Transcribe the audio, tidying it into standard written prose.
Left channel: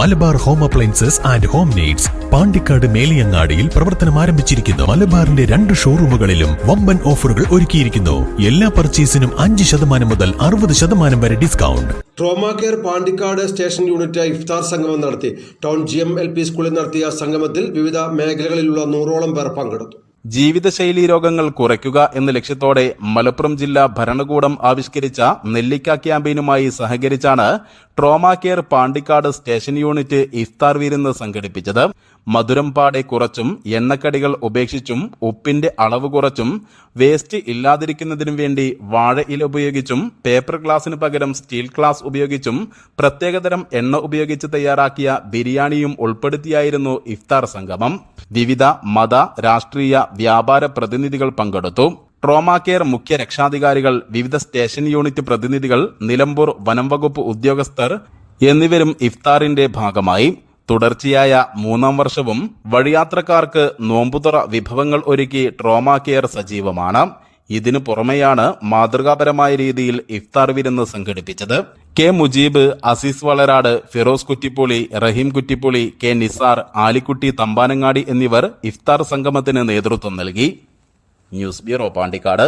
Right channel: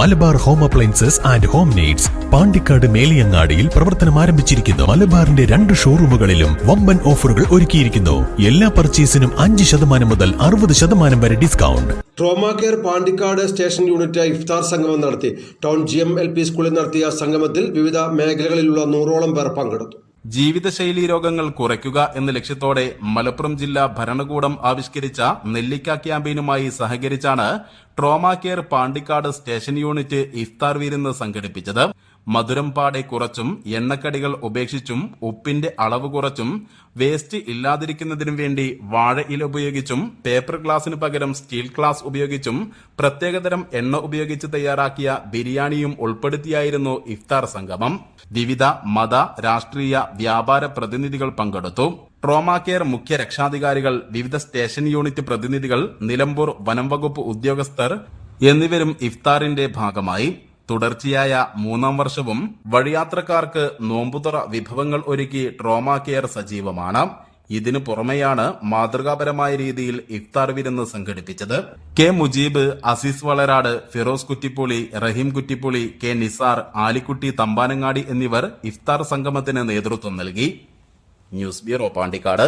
Malabar home appliances and home needs Pandikkad മേലിയങ്ങാടിയിൽ പ്രവർത്തനം ആരംഭിച്ചിരിക്കുന്നു. മലബാറിന്റെ 2 ഷോറൂമുകളിലും വമ്പൻ ഓഫറുകൾ ഒരുക്കിയിരിക്കുന്നു. എല്ലാ പർച്ചേസിനും 5% മുതൽ 60% വരെ discount. Trauma care Pandikkad station unit ഇഫ്താർ സംഗമം നടത്തി. ടൗൺ GMLP സ്കൂളിൽ നടത്തിയ സംഗമത്തിൽ വിവിധ മേഖലകളിലുള്ള 100ഓളം പേർ പങ്കെടുത്തു. ജീവിതശൈലീ രോഗങ്ങൾ കുറയ്ക്കുക എന്ന ലക്ഷ്യത്തോടെ മലപ്പുറം ജില്ലാ ഭരണകൂടം ആവിഷ്കരിച്ച നെല്ലിക്ക ക്യാമ്പയിനുമായി സഹകരിച്ചാണ് trauma care Pandikkad station unit ഇഫ്താർ വിരുന്ന് സംഘടിപ്പിച്ചത്. മധുരം പാടെ കുറച്ചും എണ്ണക്കടികൾ ഉപേക്ഷിച്ചും ഉപ്പിന്റെ അളവ് കുറച്ചും വേസ്റ്റ് ഇല്ലാതിരിക്കുന്നതിനു വേണ്ടി വാഴ ഇല ഉപയോഗിച്ചും പേപ്പർ ഗ്ലാസിന് പകരം സ്റ്റീൽ ഗ്ലാസ് ഉപയോഗിച്ചും പ്രത്യേകതരം എണ്ണ ഉപയോഗിച്ച് തയ്യാറാക്കിയ ബിരിയാണിയും ഉൾപ്പെടുത്തിയായിരുന്നു ഇഫ്താർ സംഗമം. വിവിധ മത, രാഷ്ട്രീയ, വ്യാപാര പ്രതിനിധികൾ പങ്കെടുത്തു. ട്രോമാ കെയർ മുഖ്യ രക്ഷാധികാരികൾ, വിവിധ സ്റ്റേഷൻ യൂണിറ്റ് പ്രതിനിധികൾ, നിലമ്പൂർ വനം വകുപ്പ് ഉദ്യോഗസ്ഥർ എന്നിവരും ഇഫ്താറിന്റെ ഭാഗമായി. തുടർച്ചയായ 3ാം വർഷവും വഴിയാത്രക്കാർക്ക് നോമ്പുതുറ വിഭവങ്ങൾ ഒരുക്കി ട്രോമാ കെയർ സജീവമാണ്. ഇതിനു പുറമെയാണ് മാതൃകാപരമായ രീതിയിൽ ഇഫ്താർ വിരുന്ന് സംഘടിപ്പിച്ചത്. കെ മുജീബ്, അസീസ് വളരാട്, ഫിറോസ് കുറ്റിപ്പൊളി, റഹീം കുറ്റിപ്പൊളി, കെ നിസാർ, ആലിക്കുട്ടി തമ്പാനങ്ങാടി എന്നിവർ ഇഫ്താർ സംഗമത്തിന് നേതൃത്വം നൽകി. News bureau, Pandikkad.